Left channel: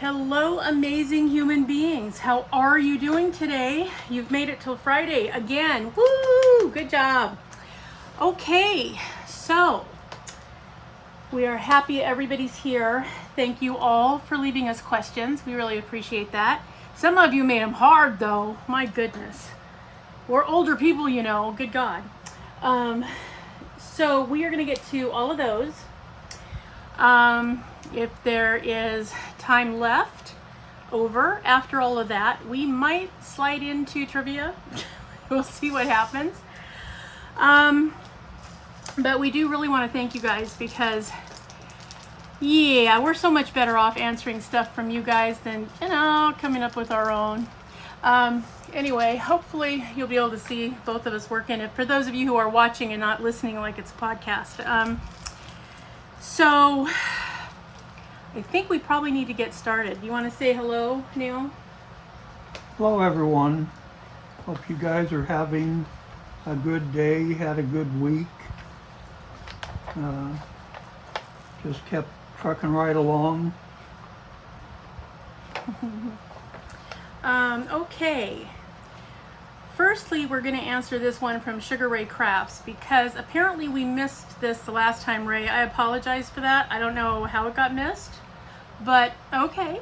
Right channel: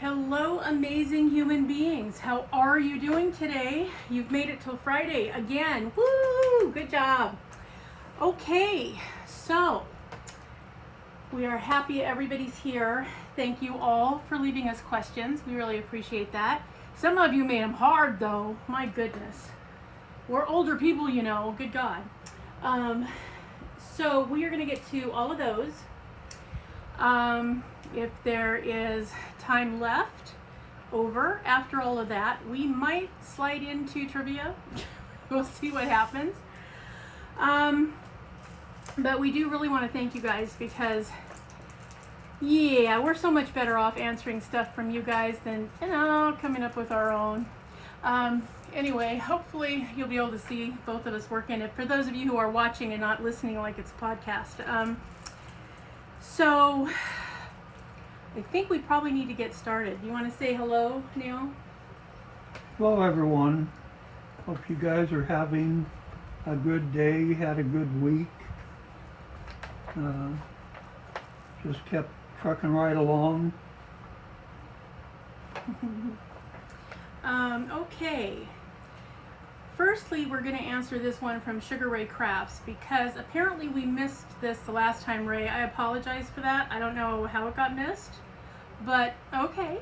Hello, amazing human beings. How are you doing today? You've made it till Friday again. Woo! Good job. Okay, so we are happy everybody's here. Thank you all for leaving us questions. We really appreciate that. Some of you made them hard, though. My goodness. We're older people, you know. Good God. So we are going to get to all of those. If there is time left over after all of that, we might slide into trivia. We'll see what happens. But we do really want to thank you guys because, yeah, we're so much better off answering stuff from you guys than, coming up with our own. Anyway, hopefully you'll be able to see both of us working. For those of you who are watching and not listening like it's a podcast. So I think we probably need to get started. You want to say hello, Neil? Hello, everyone. Hope you guys are having a good day, had a good week. Just kept trucking right along. Okay. Firstly, we're going to answer this one from Sugar Ray Crafts because apparently we missed this the last time, Ray. I apologize for that. I don't know how it got missed, but okay.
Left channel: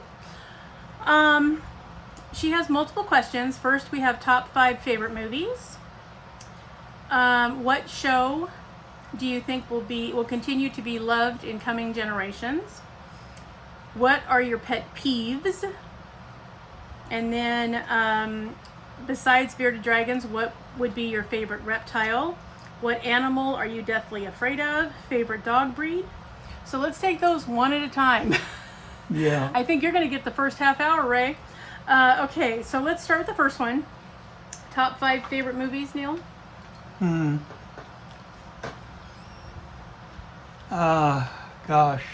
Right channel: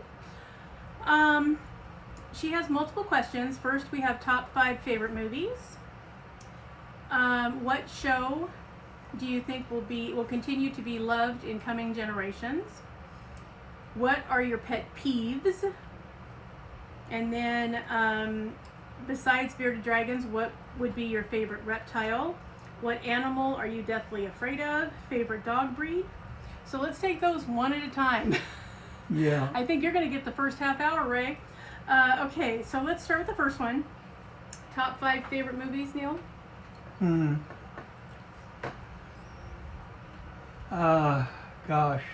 She has multiple questions. First, we have top 5 favorite movies. What show do you think will continue to be loved in coming generations? What are your pet peeves? And then, besides bearded dragons, what would be your favorite reptile? What animal are you deathly afraid of? Favorite dog breed? So let's take those one at a time. Yeah. I think you're going to get the first half hour, Ray. Okay, so let's start with the first one. Top 5 favorite movies, Neil? Gosh.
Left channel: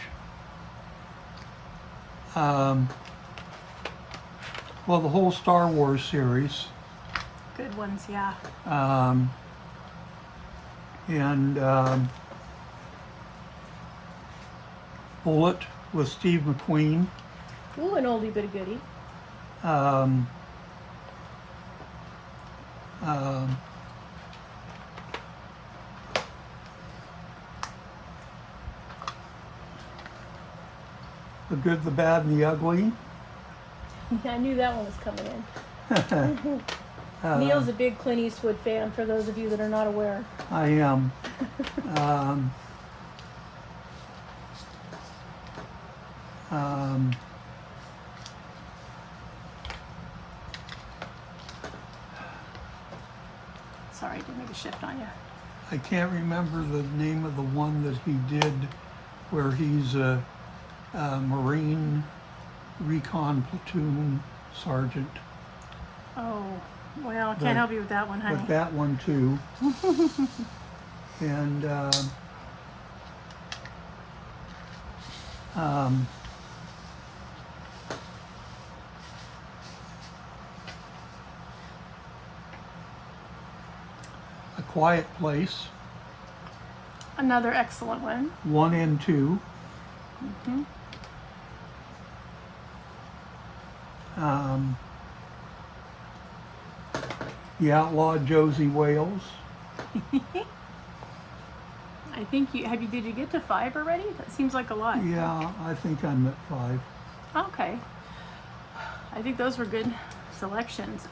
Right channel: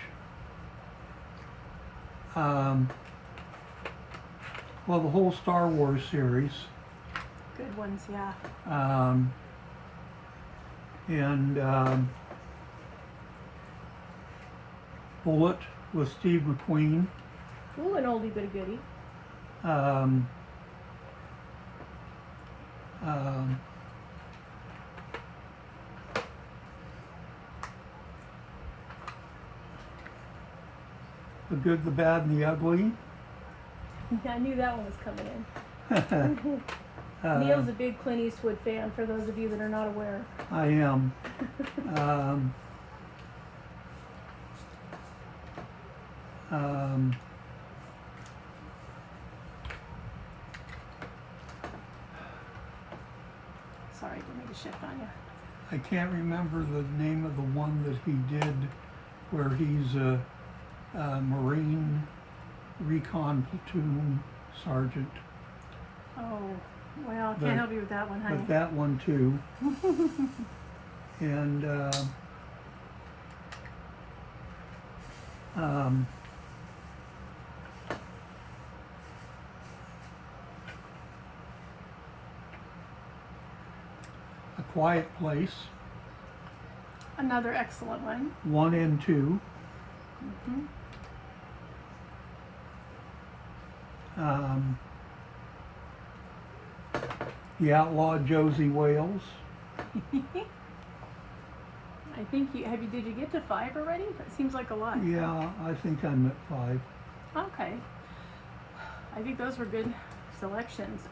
Well, the whole Star Wars series. Good ones, yeah. And Bullet with Steve McQueen. Ooh, an oldie but a goodie. The Good, the Bad, and the Ugly. I knew that one was coming in. Neil's a big Clint Eastwood fan, for those of you that are not aware. I am. Sorry, I didn't make a shift on you. I can't remember the name of the one that he did where he's a Marine recon platoon sergeant. Oh, well, I can't help you with that one, honey. But that one too. And A Quiet Place, Another excellent one. 1 and 2. The Outlaw Josie Wales. I think did you get to 5 already? That seems like a lot. Yeah, I think I'm at 5. Okay. I think those were good selections.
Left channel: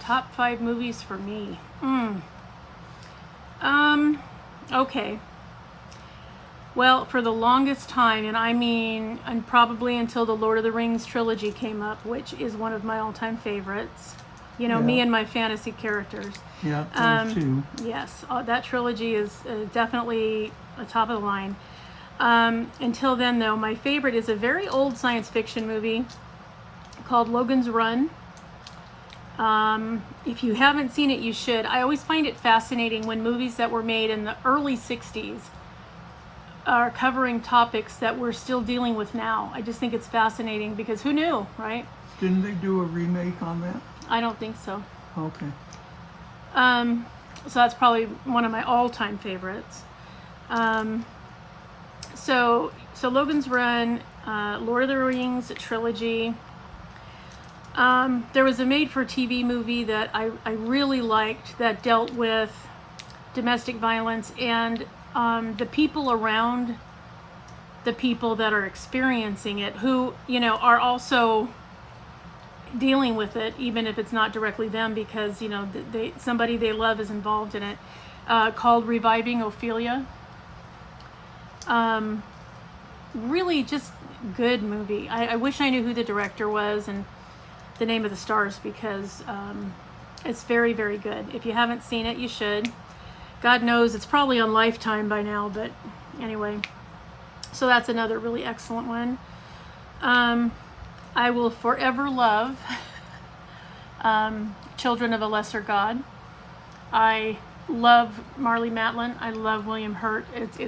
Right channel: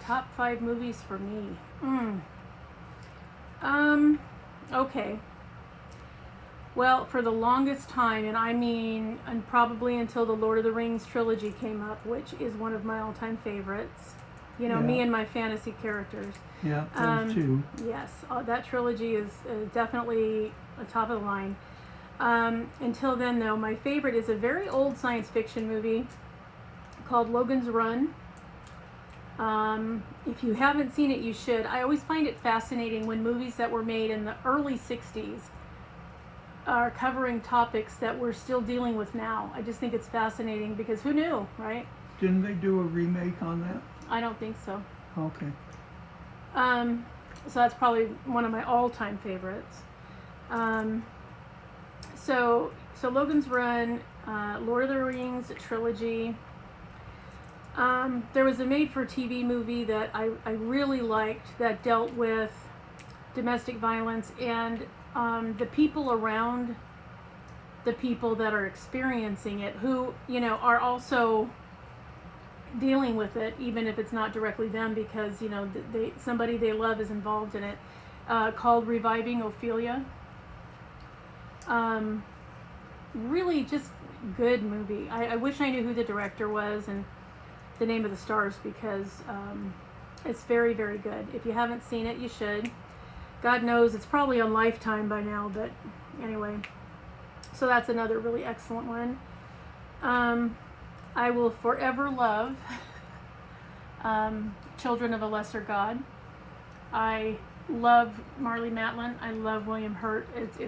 Top 5 movies for me. Okay. Well, for the longest time, and probably until the Lord of the Rings trilogy came up, which is one of my all-time favorites. You know, me and my fantasy characters. Yeah, those two. Yes, that trilogy is definitely a top of the line. Until then, though, my favorite is a very old science fiction movie called Logan's Run. If you haven't seen it, you should. I always find it fascinating when movies that were made in the early 60s are covering topics that we're still dealing with now. I just think it's fascinating because who knew, right? Didn't they do a remake on that? I don't think so. Okay. So that's probably one of my all-time favorites. So Logan's Run, Lord of the Rings trilogy. There was a made-for-TV movie that I really liked that dealt with domestic violence and the people around the people that are experiencing it, who, you know, are also dealing with it, even if it's not directly them, because, you know, somebody they love is involved in it, called Reviving Ophelia. Really just good movie. I wish I knew who the director was and the name of the stars, because it's very, very good. If you haven't seen it, you should. God knows it's probably on Lifetime by now, but anyway. So that's another really excellent one. I will forever love Children of a Lesser God. I love Marlee Matlin. I love William Hurt. It's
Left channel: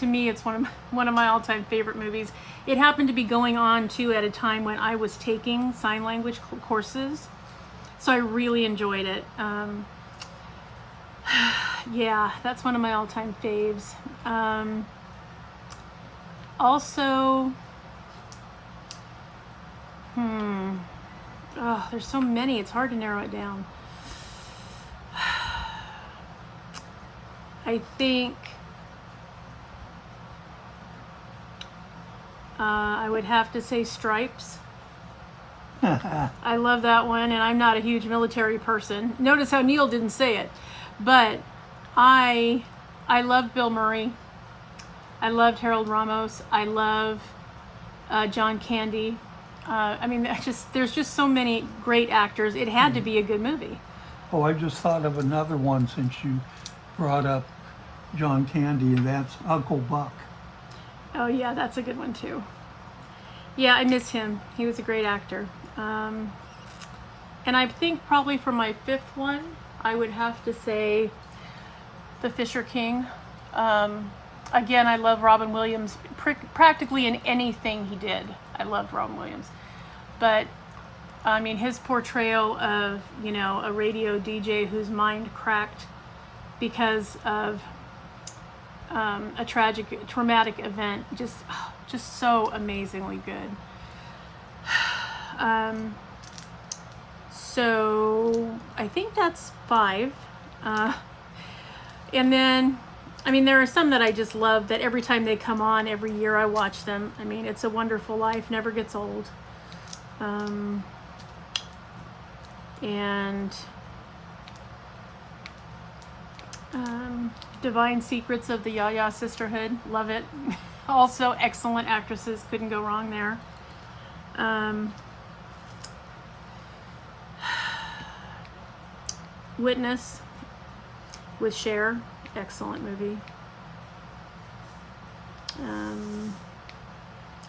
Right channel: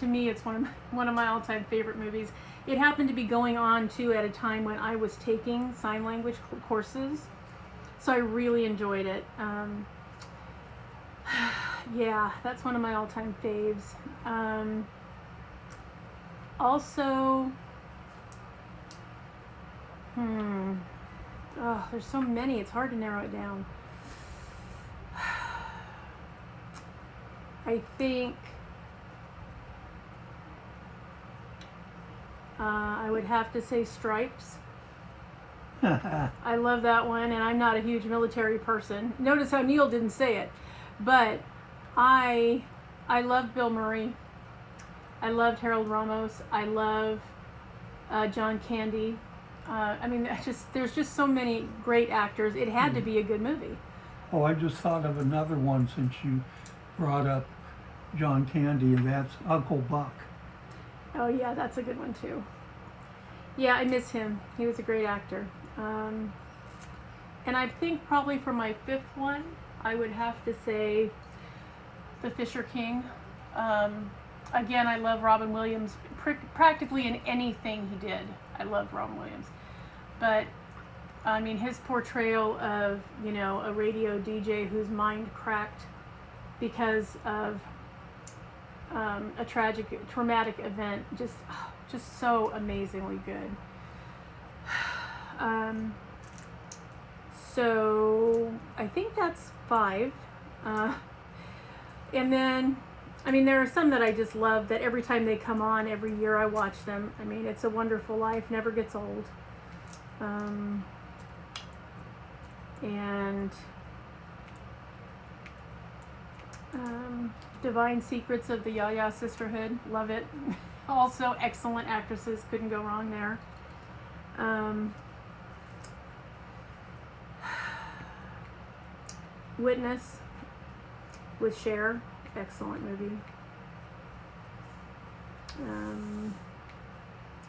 to me, it's one of my all-time favorite movies. It happened to be going on too at a time when I was taking sign language courses, so I really enjoyed it. Yeah, that's one of my all-time faves. Also, oh, there's so many, it's hard to narrow it down. I think I would have to say Stripes. I love that one, and I'm not a huge military person. Notice how Neil didn't say it, but I love Bill Murray. I loved Harold Ramos. I love John Candy. I mean, there's just so many great actors. It had to be a good movie. Oh, I just thought of another one since you brought up John Candy, and that's Uncle Buck. Oh yeah, that's a good one too. Yeah, I miss him. He was a great actor. And I think probably for my fifth one, I would have to say The Fisher King. Again, I love Robin Williams practically in anything he did. I loved Robin Williams. But, I mean, his portrayal of, you know, a radio DJ whose mind cracked because of a traumatic event, just so amazingly good. So, I think that's 5. And then, I mean, there are some that I just love that every time they come on, every year I watch them. I mean, It's a Wonderful Life, never gets old. And Divine Secrets of the Yaya Sisterhood, love it. Also excellent actresses, couldn't go wrong there. Witness with Cher, excellent movie.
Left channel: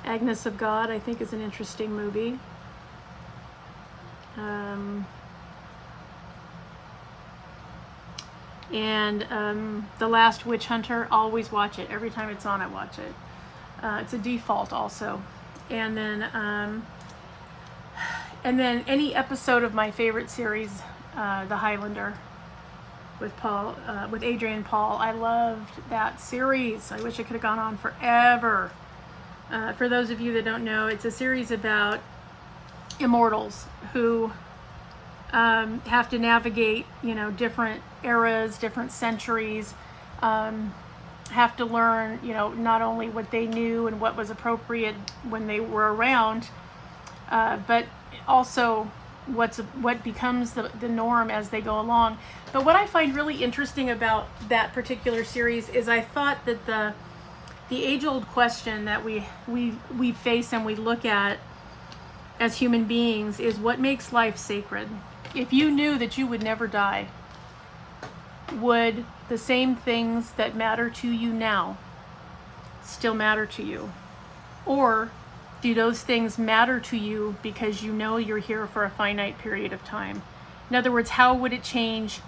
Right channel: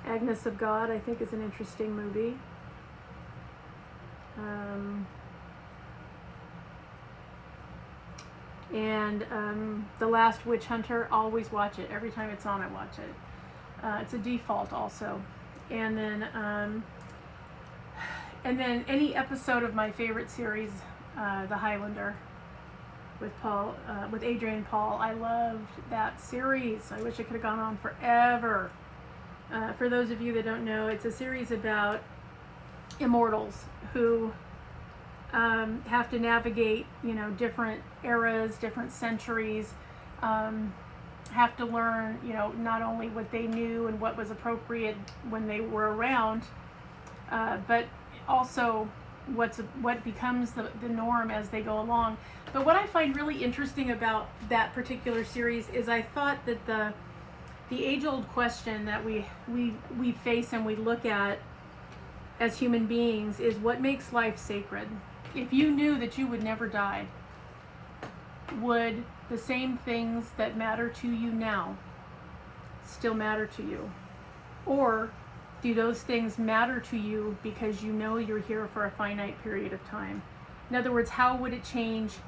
Agnes of God, I think, is an interesting movie. And The Last Witch Hunter, always watch it. Every time it's on, I watch it. It's a default also. And then any episode of my favorite series, The Highlander, with Adrian Paul. I loved that series. I wish it could have gone on forever. For those of you that don't know, it's a series about immortals who have to navigate, you know, different eras, different centuries, have to learn, you know, not only what they knew and what was appropriate when they were around, but also what becomes the norm as they go along. But what I find really interesting about that particular series is I thought that the age-old question that we face and we look at as human beings is what makes life sacred. If you knew that you would never die, would the same things that matter to you now still matter to you? Or do those things matter to you because you know you're here for a finite period of time? In other words, how would it change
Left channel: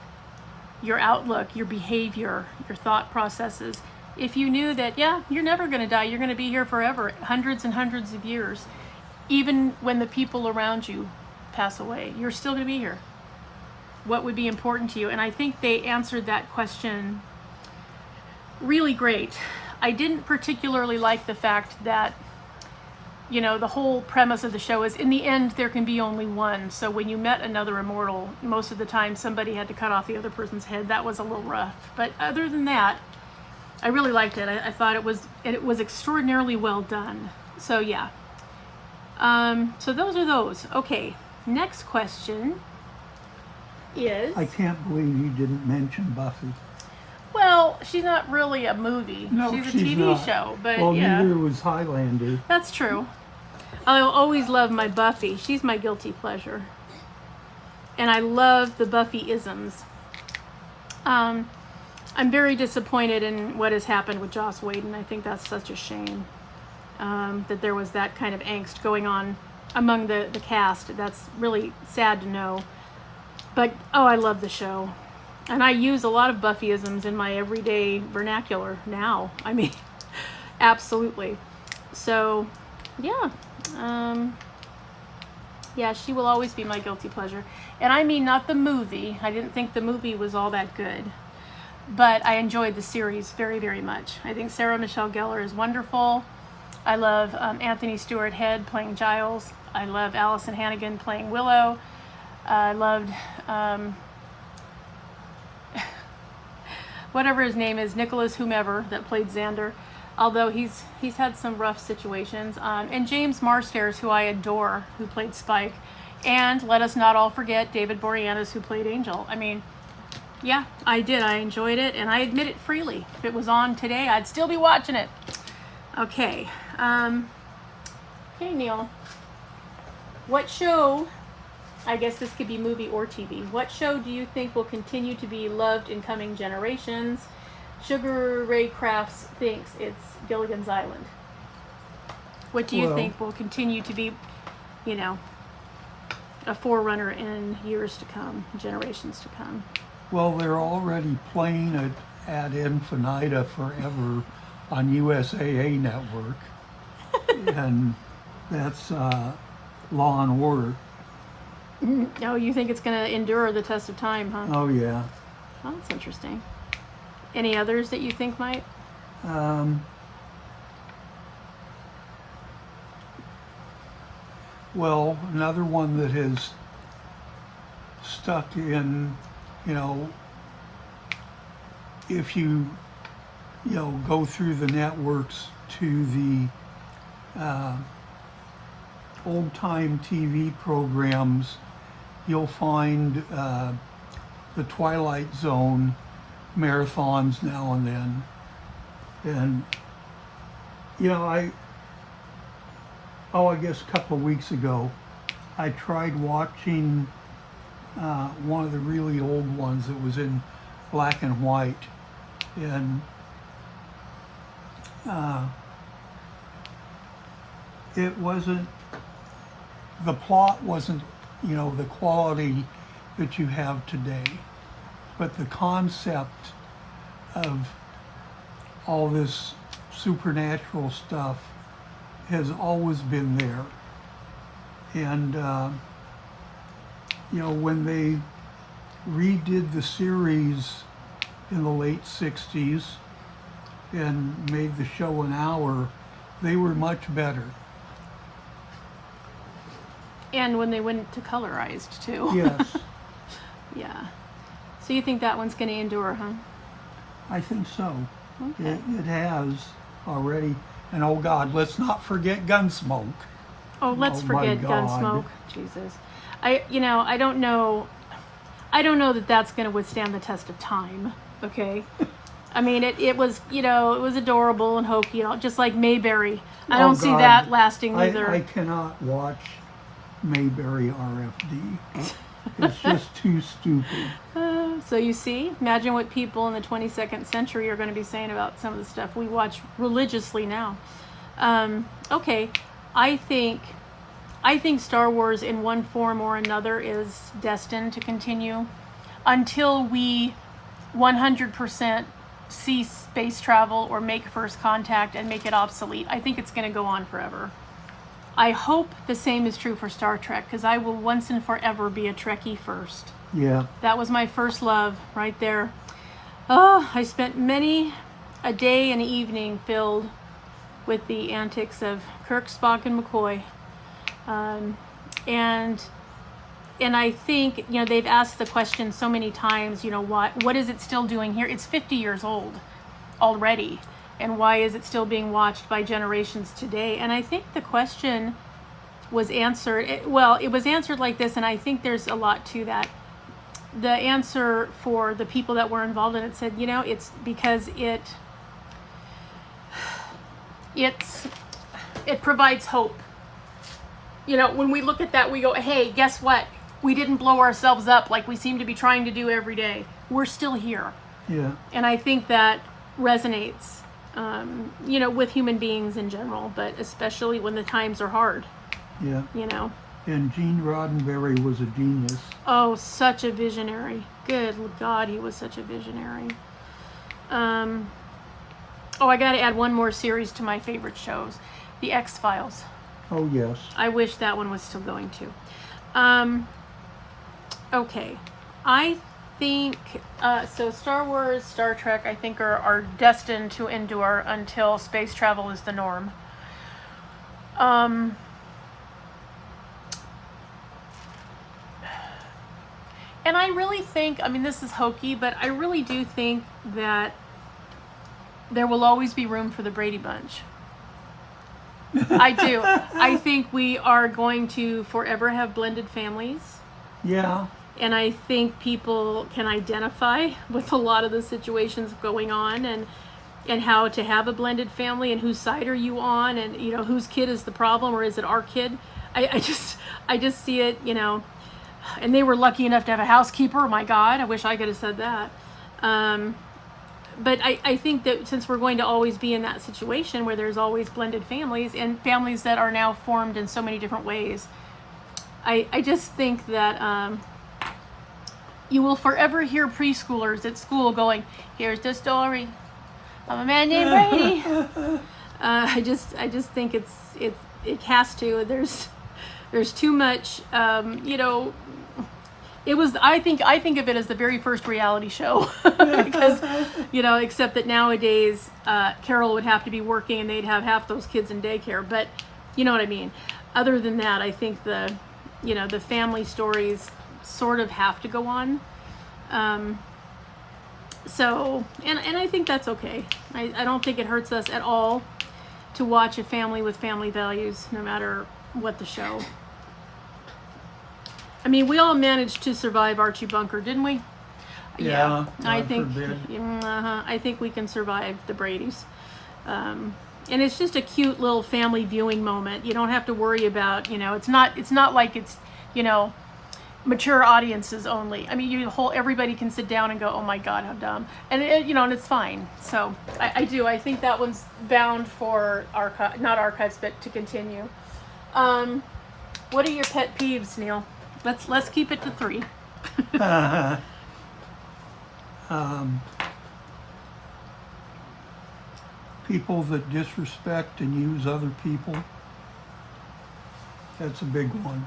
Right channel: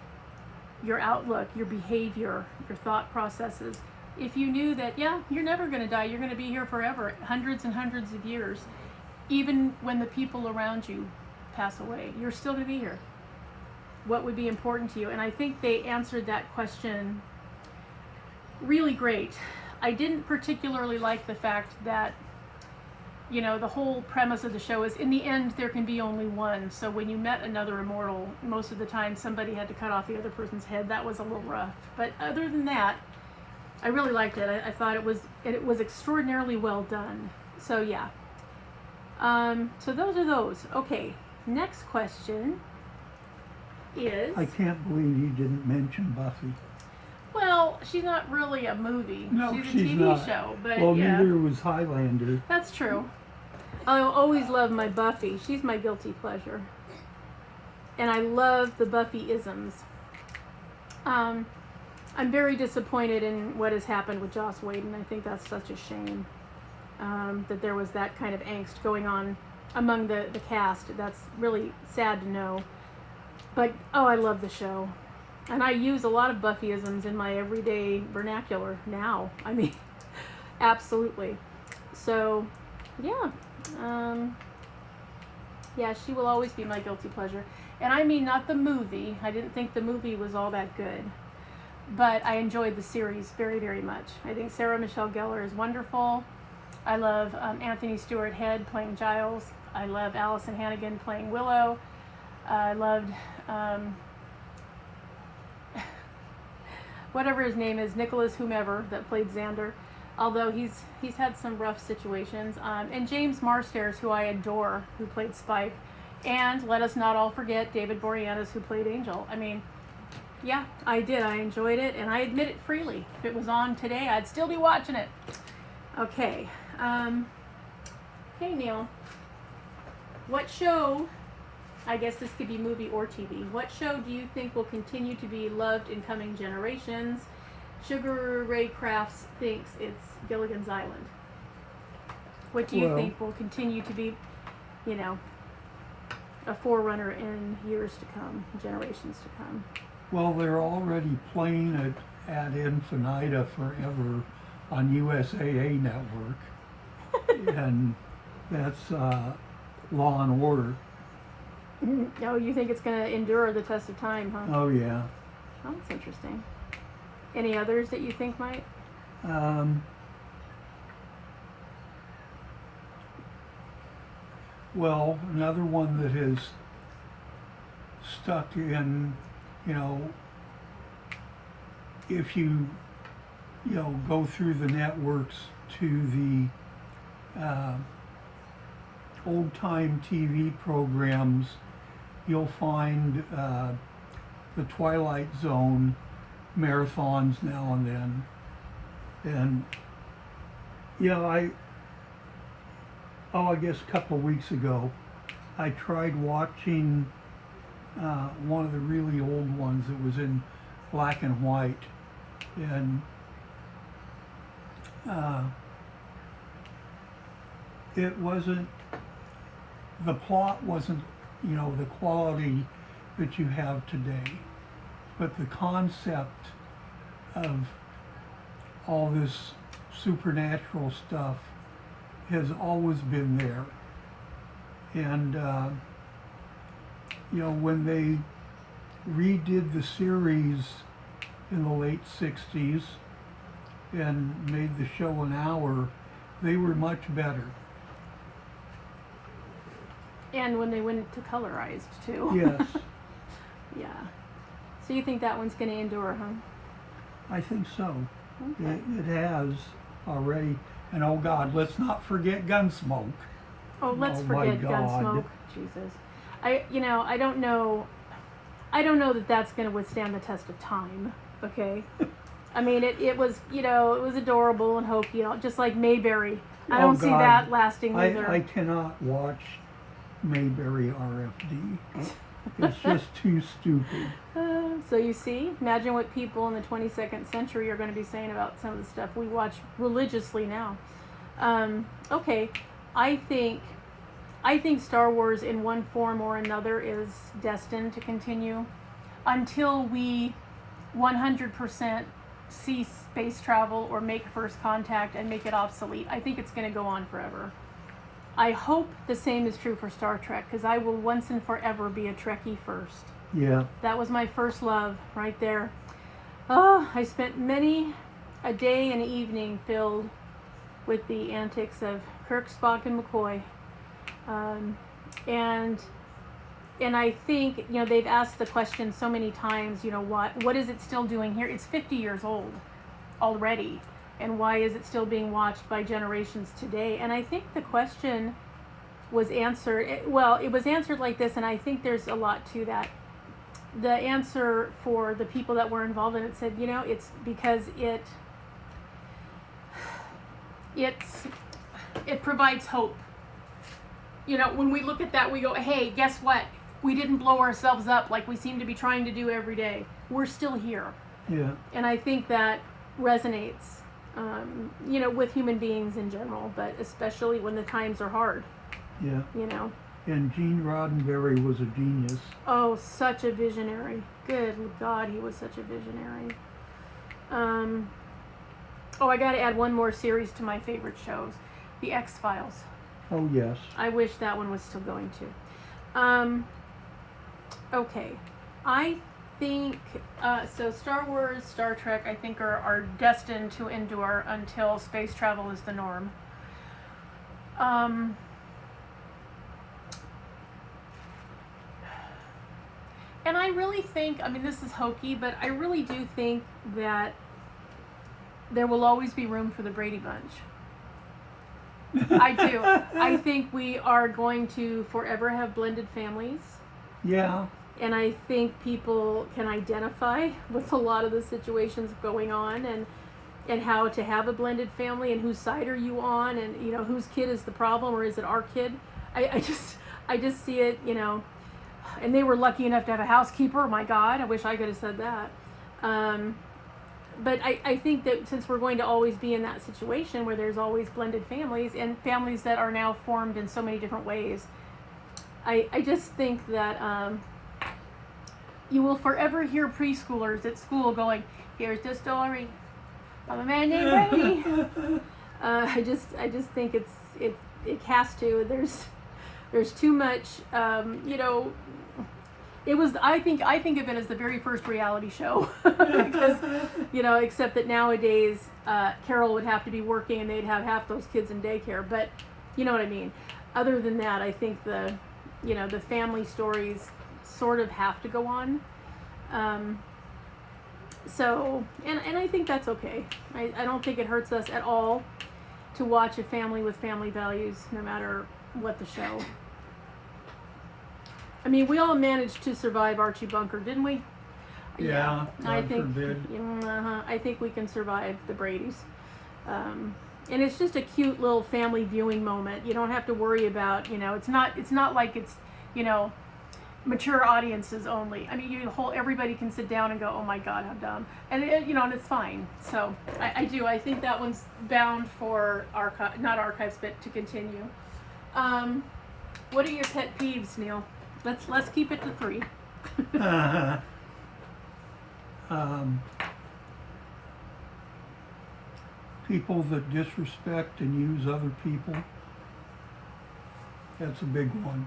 your outlook, your behavior, your thought processes, if you knew that, yeah, you're never going to die, you're going to be here forever, hundreds and hundreds of years, even when the people around you pass away, you're still going to be here? What would be important to you? And I think they answered that question really great. I didn't particularly like the fact that you know, the whole premise of the show is in the end there can be only one. So when you met another immortal, most of the time somebody had to cut off the other person's head. That was a little rough. But other than that, I really liked it. I thought it was extraordinarily well done. So yeah. So those are those. Okay, next question is... I can't believe you didn't mention Buffy. Well, she's not really a movie. No, she's a she's TV not. show. But Well, yeah. neither was Highlander. That's true. I'll always love my Buffy. She's my guilty pleasure. And I love the Buffy-isms. I'm very disappointed in what has happened with Joss Whedon. I think that's such a shame. That there was that kind of angst going on among the cast. That's really sad to know. But, oh, I love the show. And I use a lot of Buffy-isms in my everyday vernacular now. I mean, absolutely. So, yeah. Yeah, she will always be my guilty pleasure. And I mean not the movie. I didn't think the movie was all that good. But I enjoyed the series very, very much. I think Sarah Michelle Gellar is wonderful. I love Anthony Stewart Head playing Giles. I love Allison Hannigan playing Willow. I loved whatever his name is, Nicholas whomever that played Xander. Although he's had some rough situations. And James Marstairs, who I adore, who played Spike. And let us not all forget David Boreanaz, who played Angel. I mean, yeah, I did. I enjoyed it, and I admit it freely. If it was on today, I'd still be watching it. Okay. Okay, Neil. What show, I guess this could be movie or TV, what show do you think will continue to be loved in coming generations? Sugar Ray Crafts thinks it's Gilligan's Island. What do you think will continue to be, you know, a forerunner in years to come, generations to come? Well, they're already playing it ad infinitum forever on USAA Network. And that's Law and Order. Oh, you think it's going to endure the test of time, huh? Oh, yeah. Oh, that's interesting. Any others that you think might? Well, another one that has stuck in, you know, if you go through the networks to the old-time TV programs, you'll find the Twilight Zone marathons now and then. And, you know, I guess a couple of weeks ago, I tried watching one of the really old ones that was in black and white. And it wasn't, the plot wasn't, you know, the quality that you have today. But the concept of all this supernatural stuff has always been there. And, you know, when they redid the series in the late 60s and made the show an hour, they were much better. And when they went to colorized, too. Yes. Yeah. So you think that one's going to endure, huh? I think so. Okay. It has already. And oh God, let's not forget Gunsmoke. Oh, let's Oh, my forget God. Gunsmoke. Jesus. I don't know that that's going to withstand the test of time, okay? I mean, it was, you know, it was adorable and hokey, just like Mayberry. I don't see God. that lasting either. I cannot watch Mayberry RFD. It's just too stupid. So you see, imagine what people in the 22nd century are going to be saying about some of the stuff we watch religiously now. Okay, I think Star Wars in one form or another is destined to continue until we 100% cease space travel or make first contact and make it obsolete. I think it's going to go on forever. I hope the same is true for Star Trek, because I will once and forever be a Trekkie first. Yeah. That was my first love right there. Oh, I spent many a day and evening filled with the antics of Kirk, Spock, and McCoy. And I think, you know, they've asked the question so many times, you know, what is it still doing here? It's 50 years old already, and why is it still being watched by generations today? And I think the question was answered, it was answered like this, and I think there's a lot to that. The answer for the people that were involved in it said, you know, it's because it provides hope. You know, when we look at that, we go, hey, guess what? We didn't blow ourselves up like we seem to be trying to do every day. We're still here. Yeah. And I think that resonates, you know, with human beings in general, but especially when the times are hard. Yeah. You know. And Gene Roddenberry was a genius. Oh, such a visionary. Good God, he was such a visionary. Oh, I got to add one more series to my favorite shows, The X-Files. Oh, yes. I wish that one was still going too. Okay, I think, so Star Wars, Star Trek, I think are destined to endure until space travel is the norm. And I really think, I mean, this is hokey, but I really do think that there will always be room for the Brady Bunch. I do. I think we are going to forever have blended families. Yeah. And I think people can identify with a lot of the situations going on, and how to have a blended family, and whose side are you on, and, you know, whose kid is the problem, or is it our kid? I just see it, you know. And they were lucky enough to have a housekeeper. My God, I wish I could have said that. But I think that since we're going to always be in that situation where there's always blended families, and families that are now formed in so many different ways, I just think that you will forever hear preschoolers at school going, here's the story of a man named Brady. I just think it has to. There's too much, you know. It was, I think of it as the very first reality show, because, you know, except that nowadays Carol would have to be working and they'd have half those kids in daycare, but you know what I mean. Other than that, I think the family stories sort of have to go on. So, and I think that's okay. I don't think it hurts us at all to watch a family with family values, no matter what the show. I mean, we all managed to survive Archie Bunker, didn't we? Yeah, I God think. forbid. I think we can survive the Bradys, and it's just a cute little family viewing moment. You don't have to worry about, you know, it's not like it's, you know, mature audiences only. I mean, everybody can sit down and go, oh my God, how dumb, and you know, and it's fine. So I think that one's bound for not archives, but to continue. What are your pet peeves, Neil? Let's keep it to 3. People that disrespect and use other people. That's a big one.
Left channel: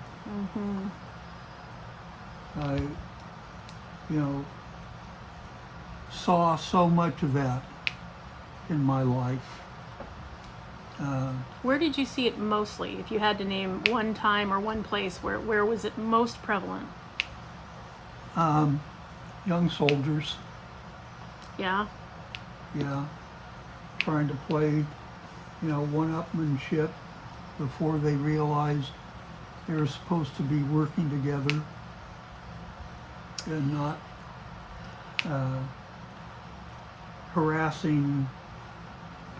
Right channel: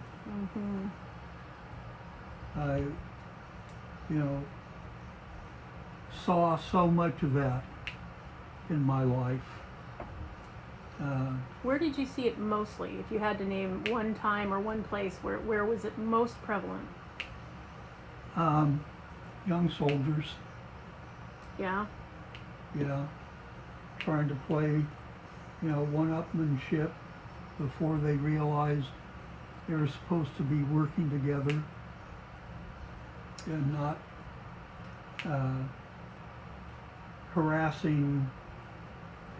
I, you know, saw so much of that in my life. Where did you see it mostly? If you had to name one time or one place, where was it most prevalent? Young soldiers, Yeah. yeah, trying to play, you know, one-upmanship before they realized they were supposed to be working together and not harassing,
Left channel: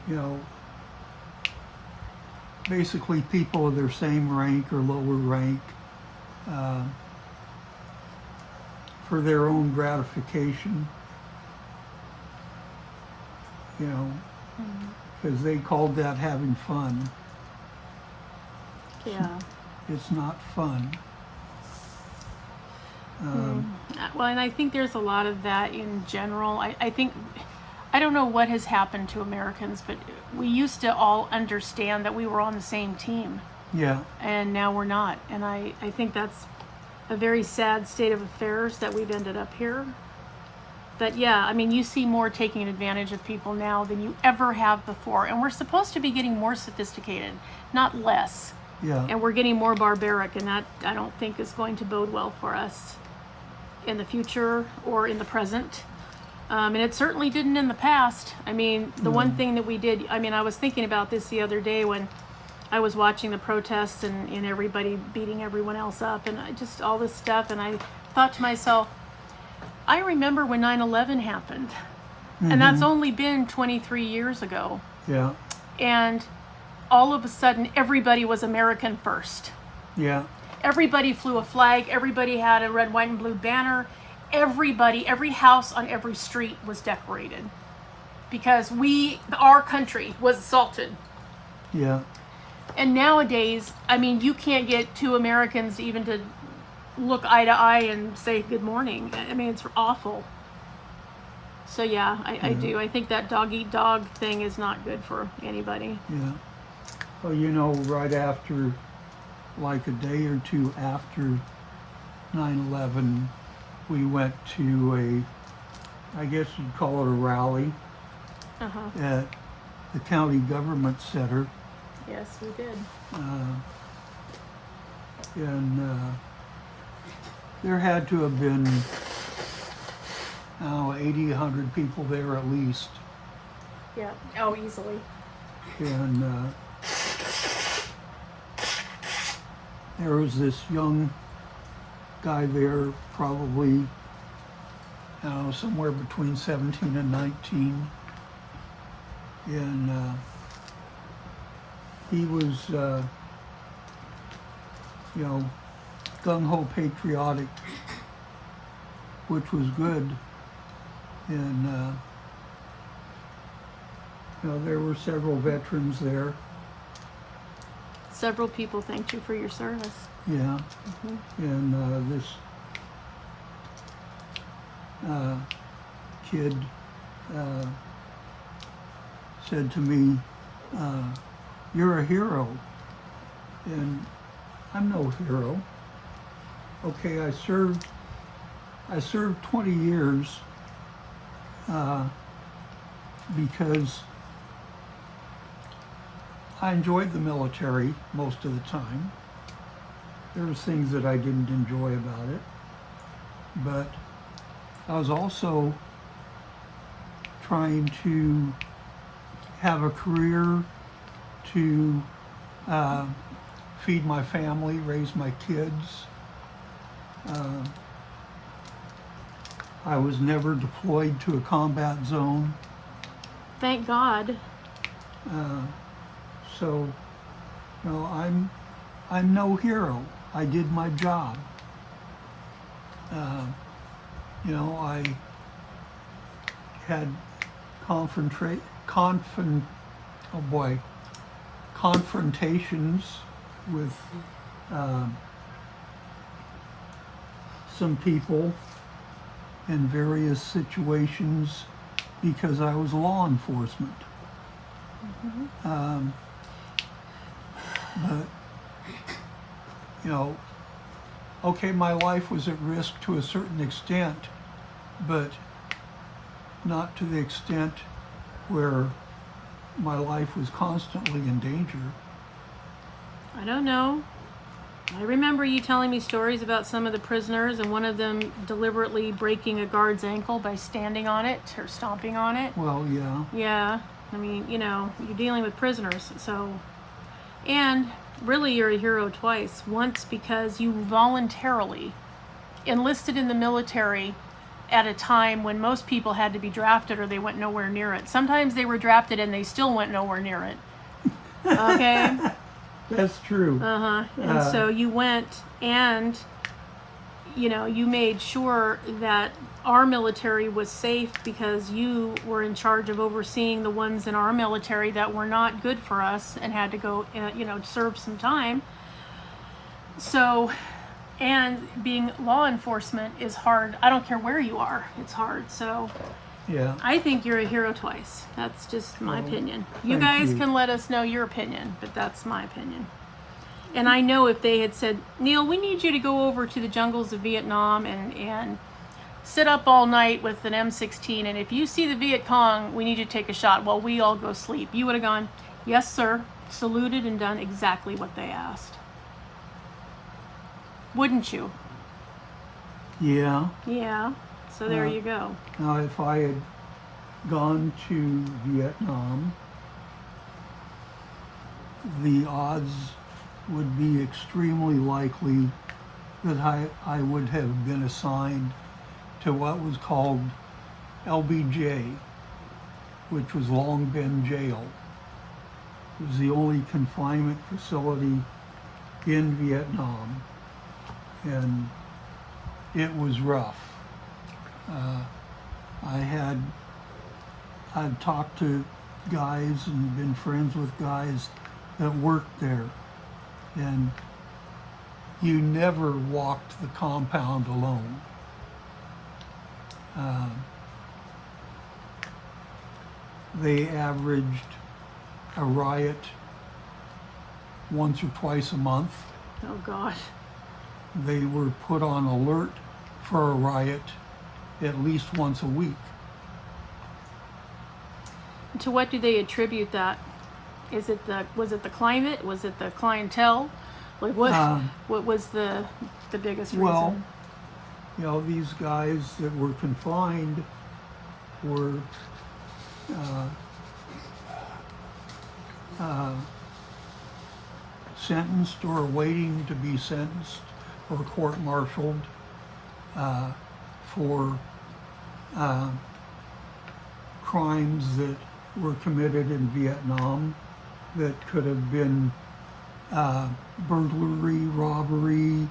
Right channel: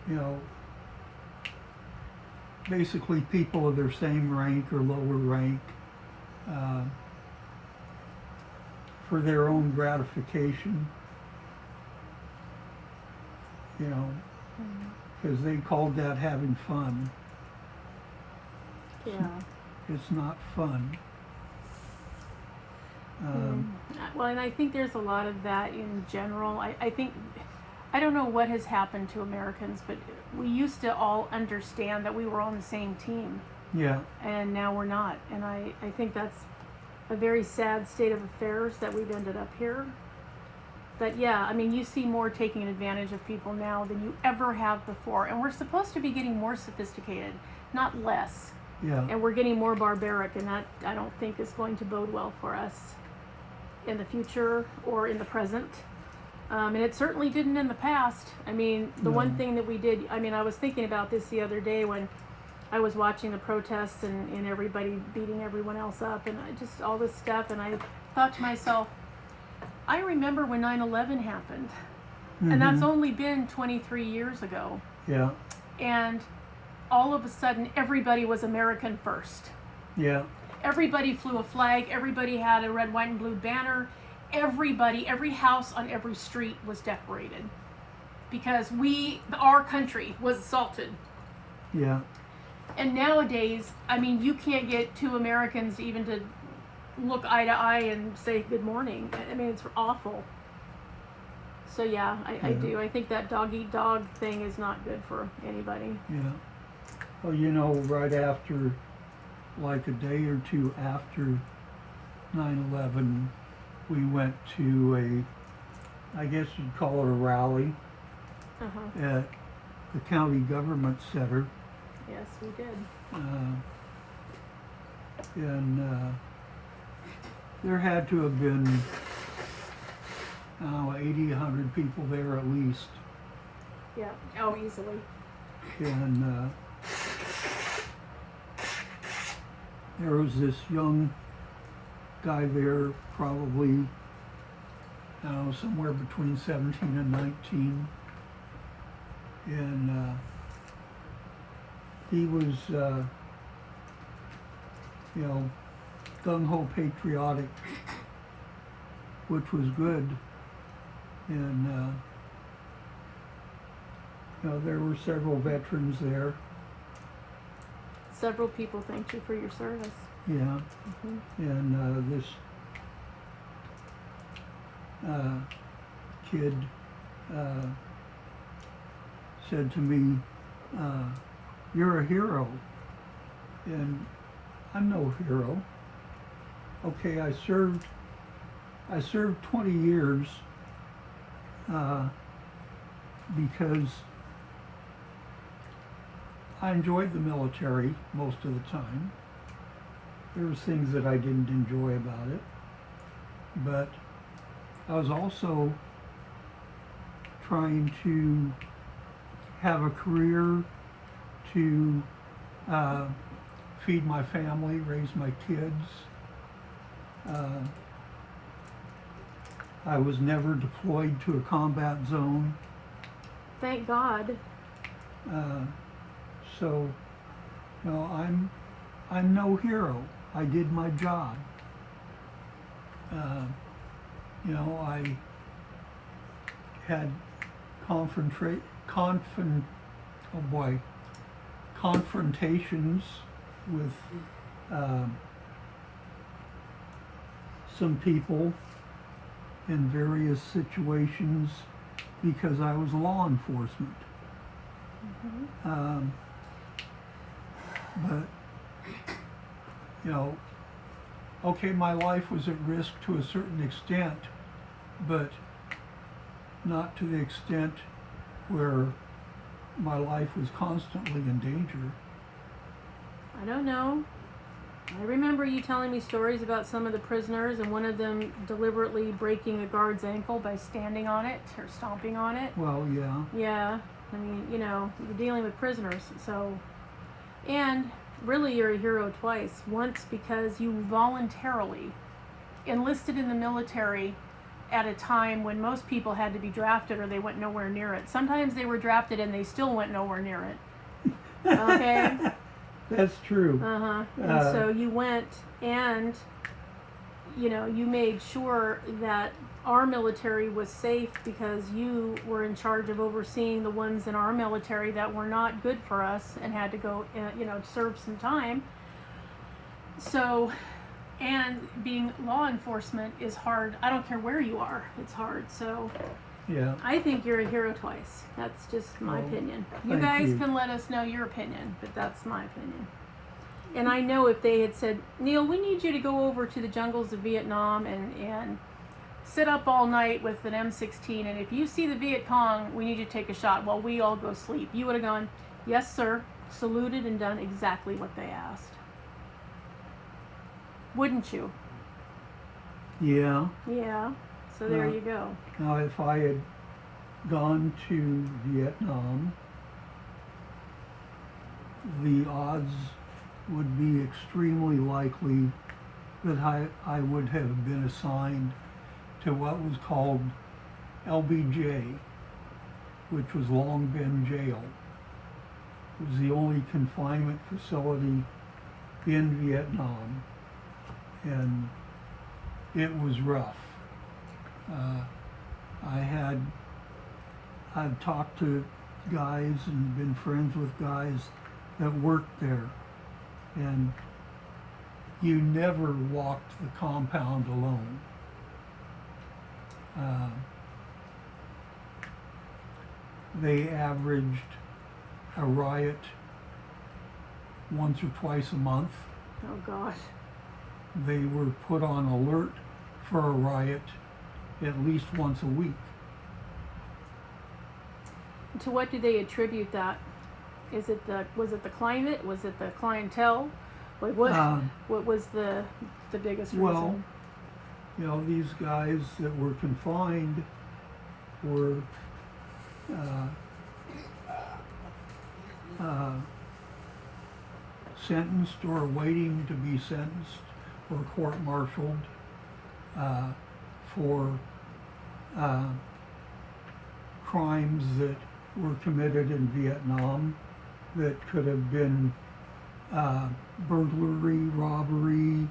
you know, basically people of their same rank or lower rank for their own gratification, you know, because they called that having fun. Yeah. It's not fun. Well, and I think there's a lot of that in general. I think, I don't know what has happened to Americans, but we used to all understand that we were on the same team. Yeah. And now we're not. And I think that's a very sad state of affairs that we've ended up here. But yeah, I mean, you see more taking advantage of people now than you ever have before. And we're supposed to be getting more sophisticated, not less. Yeah. And we're getting more barbaric, and that I don't think is going to bode well for us in the future or in the present. And it certainly didn't in the past. I mean, the one thing that we did, I mean, I was thinking about this the other day when I was watching the protests and everybody beating everyone else up and just all this stuff. And I thought to myself, I remember when 9/11 happened. And that's only been 23 years ago. Yeah. And all of a sudden, everybody was American first. Yeah. Everybody flew a flag. Everybody had a red, white, and blue banner. Everybody, every house on every street was decorated because our country was assaulted. Yeah. And nowadays, I mean, you can't get two Americans even to look eye to eye and say good morning. I mean, it's awful. So yeah, I do. I think that dog eat dog thing is not good for anybody. Yeah. Well, you know, right after, like a day or two after 9/11, we went to I guess you'd call it a rally at the county government center. Yes, we did. And there had to have been 80, 100 people there at least. Yeah. Oh, easily. And there was this young guy there, probably somewhere between 17 and 19. And he was, gung-ho patriotic, which was good. And, there were several veterans there. Several people thanked you for your service. Yeah. And this kid said to me, "You're a hero." And I'm no hero. Okay, I served 20 years because I enjoyed the military most of the time. There was things that I didn't enjoy about it, but I was also trying to have a career to feed my family, raise my kids. I was never deployed to a combat zone. Thank God. So, I'm no hero. I did my job. I had confrontations with some people in various situations because I was law enforcement. But, okay, my life was at risk to a certain extent, but not to the extent where my life was constantly in danger. I don't know. I remember you telling me stories about some of the prisoners and one of them deliberately breaking a guard's ankle by standing on it or stomping on it. Well, yeah. Yeah. I mean, you're dealing with prisoners, so. And really, you're a hero twice. Once because you voluntarily enlisted in the military at a time when most people had to be drafted or they went nowhere near it. Sometimes they were drafted and they still went nowhere near it. Okay? That's true. And so you went and, you made sure that our military was safe because you were in charge of overseeing the ones in our military that were not good for us and had to go, serve some time. So, and being law enforcement is hard. I don't care where you are, it's hard. So, yeah. I think you're a hero twice. That's just my opinion. You thank guys you. can let us know your opinion, but that's my opinion. And I know if they had said, Neil, we need you to go over to the jungles of Vietnam and sit up all night with an M16, and if you see the Viet Cong, we need you to take a shot while we all go sleep. You would have gone, yes, sir, saluted and done exactly what they asked. Wouldn't you? Yeah. Yeah. So there Uh, you go. Now, if I had gone to Vietnam, the odds would be extremely likely that I would have been assigned to what was called LBJ, which was Long Binh Jail. It was the only confinement facility in Vietnam, and it was rough. I'd talked to guys and been friends with guys that worked there, and you never walked the compound alone. They averaged a riot once or twice a month. Oh, gosh. They were put on alert for a riot at least once a week. To what do they attribute that? Was it the climate? Was it the clientele? Like what was the biggest reason? Well, you know, these guys that were confined were sentenced or waiting to be sentenced or court-martialed for crimes that were committed in Vietnam that could have been burglary, robbery,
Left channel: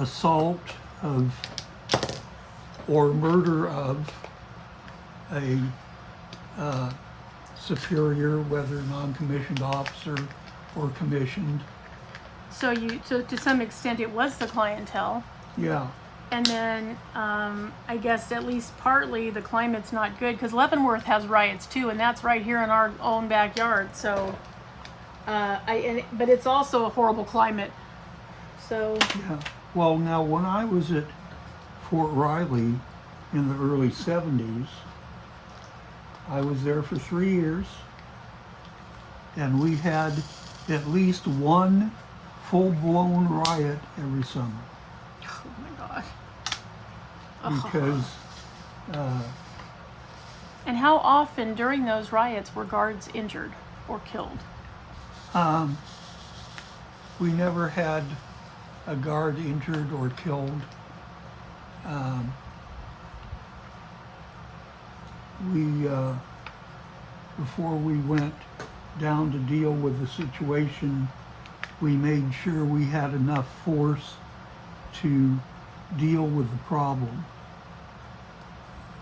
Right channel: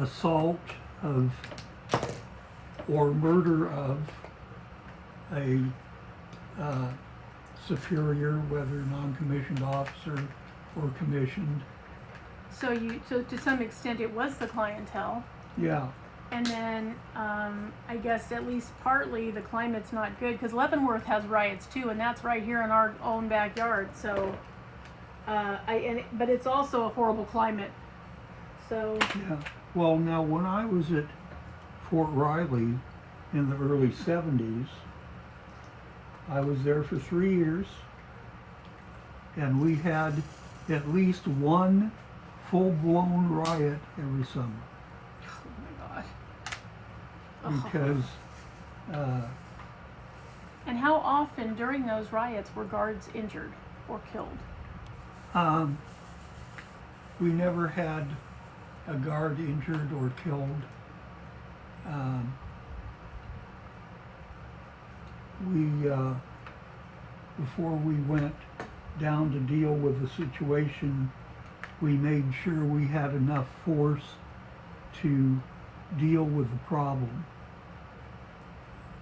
assault of, or murder of a superior, whether non-commissioned officer or commissioned. So to some extent it was the clientele. Yeah. And then I guess at least partly the climate's not good because Leavenworth has riots too, and that's right here in our own backyard. So, but it's also a horrible climate. So. Yeah. Well, now when I was at Fort Riley in the early 70s, I was there for 3 years, and we had at least one full-blown riot every summer. Oh my God. Because and how often during those riots were guards injured or killed? we never had a guard injured or killed. Before we went down to deal with the situation, we made sure we had enough force to deal with the problem,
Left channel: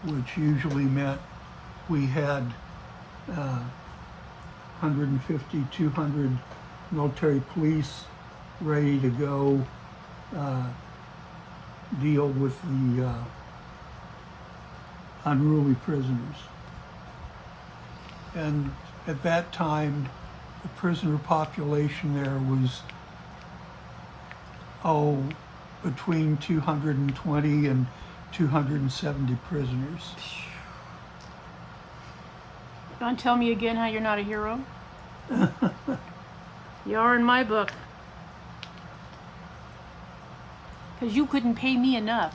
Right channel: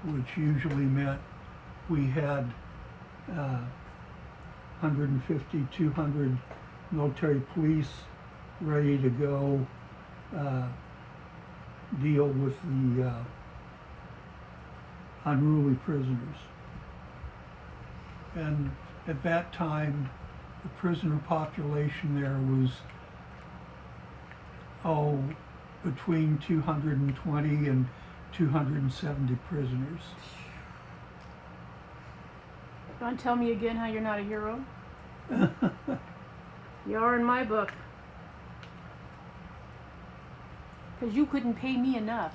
which usually meant we had 150, 200 military police ready to go deal with the unruly prisoners. And at that time, the prisoner population there was, between 220 and 270 prisoners. You want to tell me again how you're not a hero? You are in my book. Because you couldn't pay me enough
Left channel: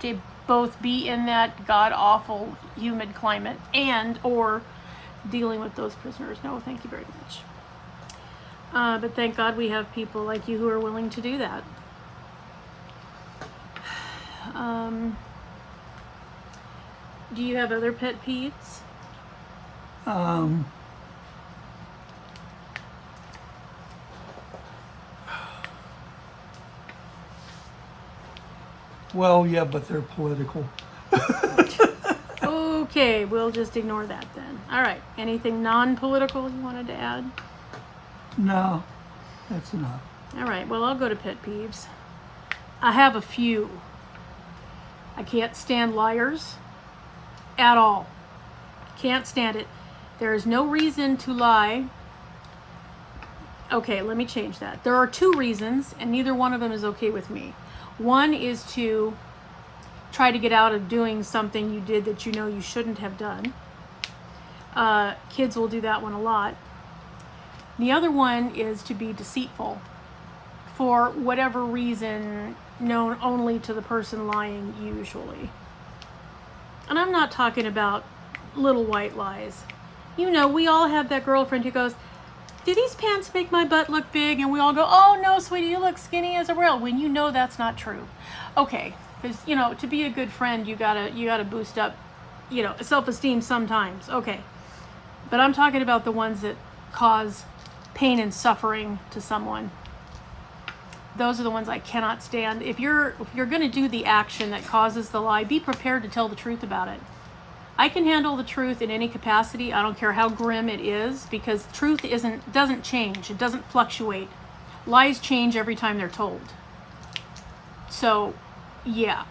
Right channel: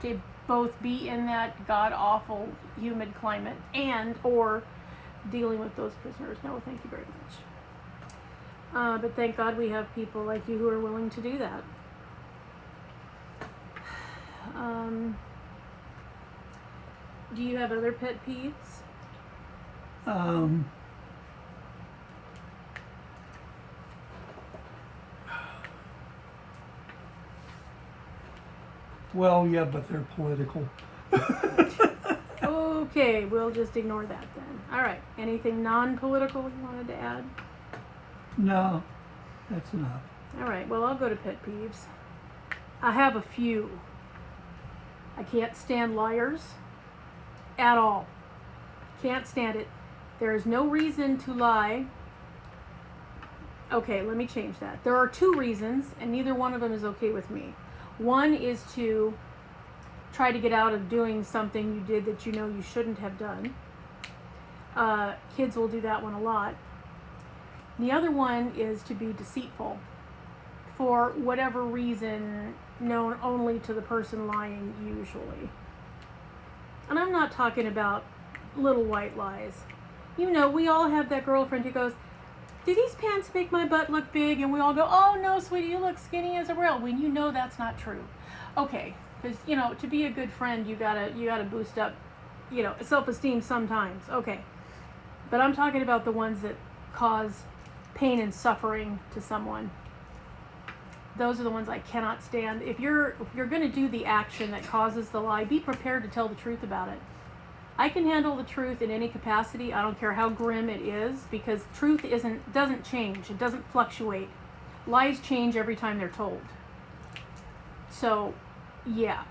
to both be in that god-awful humid climate and or dealing with those prisoners. No, thank you very much. But thank God we have people like you who are willing to do that. Do you have other pet peeves? Well, yeah, but they're political. Okay, we'll just ignore that then. All right, anything non-political you wanted to add? No, that's enough. All right, well, I'll go to pet peeves. I have a few. I can't stand liars at all. Can't stand it. There is no reason to lie. Okay, let me change that. There are two reasons, and neither one of them is okay with me. One is to try to get out of doing something you did that you know you shouldn't have done. Kids will do that one a lot. The other one is to be deceitful for whatever reason known only to the person lying usually. And I'm not talking about little white lies. You know, we all have that girlfriend who goes, "Do these pants make my butt look big?" And we all go, "Oh no, sweetie, you look skinny as a rail," when you know that's not true. Okay, because you know, to be a good friend, you gotta boost up, you know, self-esteem sometimes. Okay, but I'm talking about the ones that cause pain and suffering to someone. Those are the ones I cannot stand. If you're gonna do the action that causes the lie, be prepared to tell the truth about it. I can handle the truth in any capacity. I don't care how grim it is, because truth doesn't change. It doesn't fluctuate. Lies change every time they're told. So, yeah,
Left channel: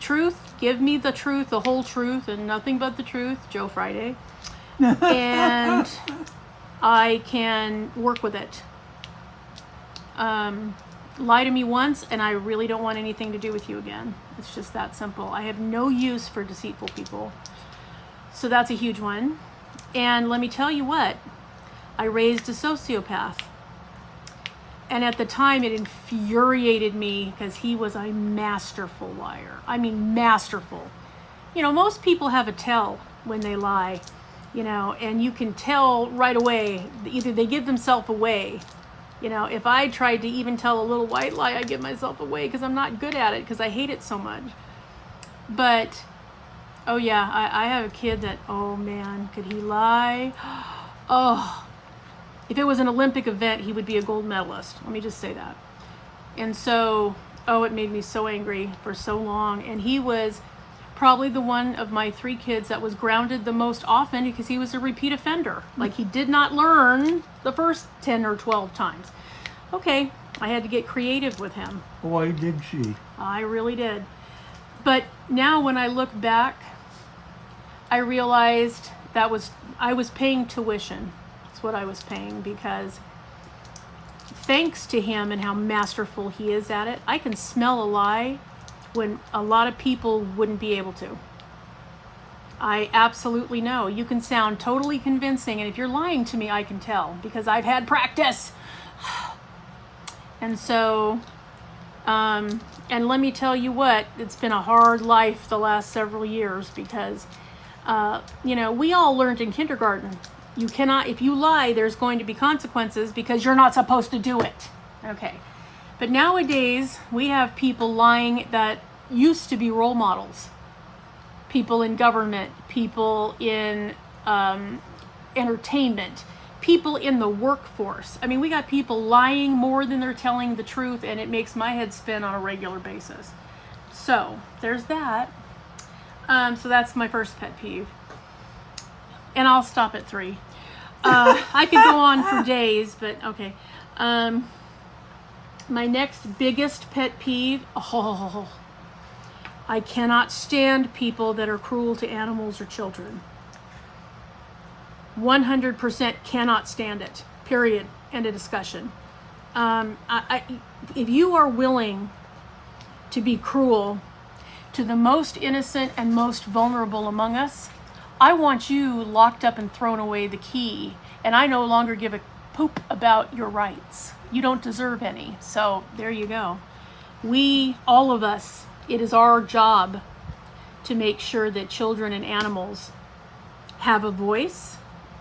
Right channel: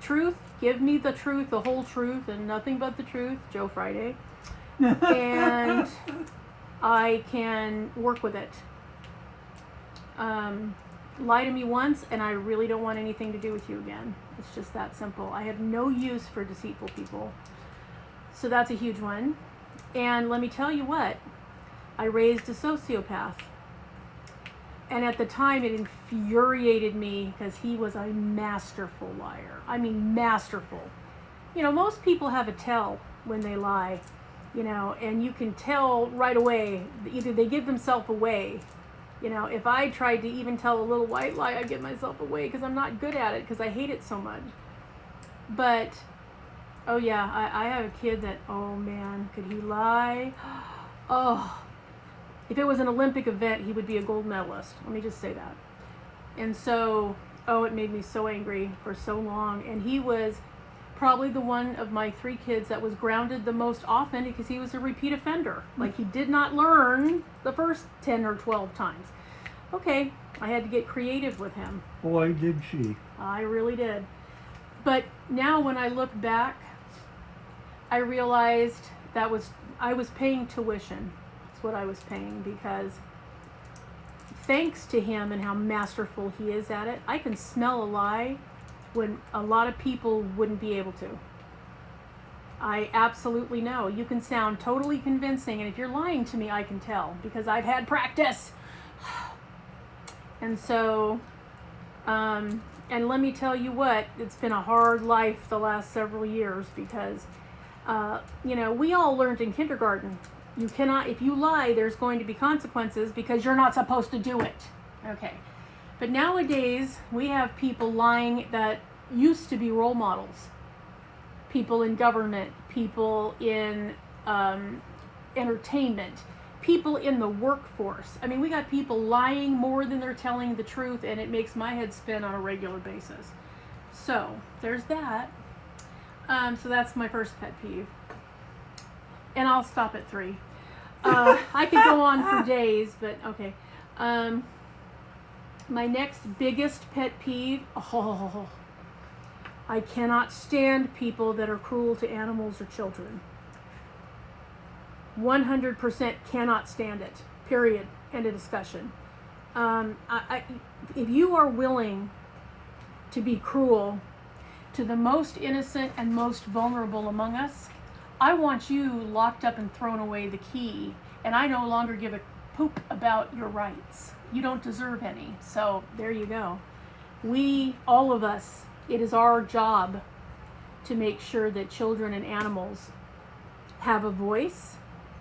truth. Give me the truth, the whole truth, and nothing but the truth. Joe Friday, and I can work with it. Lie to me once, and I really don't want anything to do with you again. It's just that simple. I have no use for deceitful people. So that's a huge one. And let me tell you what, I raised a sociopath. And at the time it infuriated me because he was a masterful liar. I mean, masterful. You know, most people have a tell when they lie, you know, and you can tell right away. Either they give themselves away. You know, if I tried to even tell a little white lie, I'd give myself away because I'm not good at it because I hate it so much. But oh yeah, I have a kid that, oh man, could he lie? Oh, if it was an Olympic event, he would be a gold medalist. Let me just say that. And so, oh, it made me so angry for so long. And he was probably the one of my 3 kids that was grounded the most often because he was a repeat offender. Like, he did not learn the first 10 or 12 times. Okay, I had to get creative with him. Boy, did she. I really did. But now when I look back, I realized I was paying tuition. That's what I was paying, because thanks to him and how masterful he is at it, I can smell a lie when a lot of people wouldn't be able to. I absolutely know. You can sound totally convincing, and if you're lying to me, I can tell because I've had practice. And so, and let me tell you what, it's been a hard life the last several years because, you know, we all learned in kindergarten, you cannot, if you lie, there's going to be consequences because you're not supposed to do it. Okay. But nowadays, we have people lying that used to be role models. People in government, people in entertainment, people in the workforce. I mean, we got people lying more than they're telling the truth, and it makes my head spin on a regular basis. So, there's that. So that's my first pet peeve. And I'll stop at 3. I could go on for days, but okay. My next biggest pet peeve, I cannot stand people that are cruel to animals or children. 100% cannot stand it. Period. End of discussion. If you are willing to be cruel to the most innocent and most vulnerable among us, I want you locked up and thrown away the key, and I no longer give a poop about your rights. You don't deserve any. So there you go. We, all of us, it is our job to make sure that children and animals have a voice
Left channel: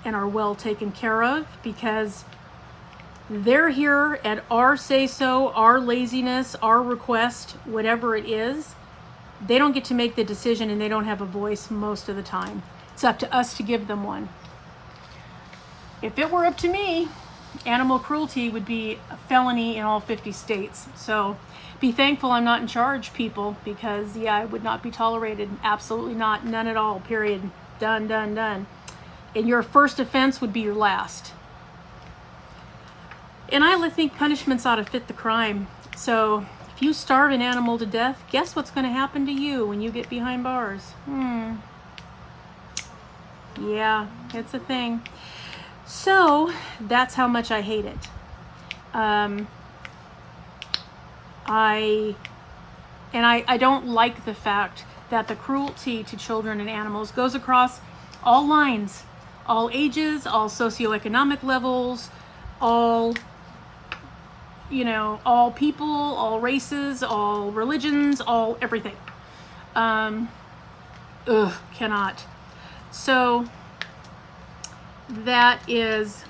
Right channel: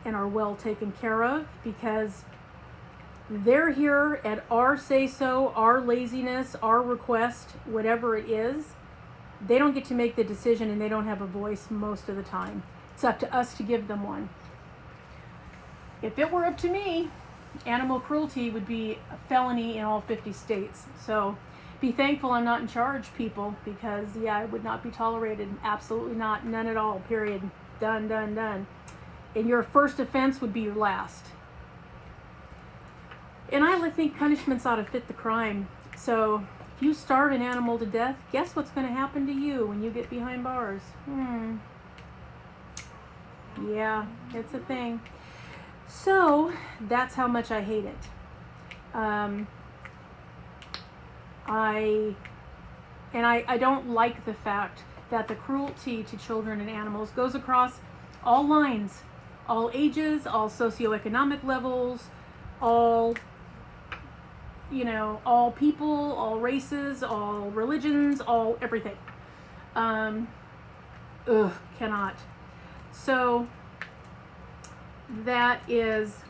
and are well taken care of, because they're here at our say-so, our laziness, our request, whatever it is. They don't get to make the decision, and they don't have a voice most of the time. It's up to us to give them one. If it were up to me, animal cruelty would be a felony in all 50 states. So be thankful I'm not in charge, people, because yeah, it would not be tolerated. Absolutely not. None at all. Period. Done, done, done. And your first offense would be your last. And I think punishments ought to fit the crime. So if you starve an animal to death, guess what's going to happen to you when you get behind bars? Yeah, it's a thing. So that's how much I hate it. I don't like the fact that the cruelty to children and animals goes across all lines, all ages, all socioeconomic levels, all, all people, all races, all religions, all everything. Cannot. So that is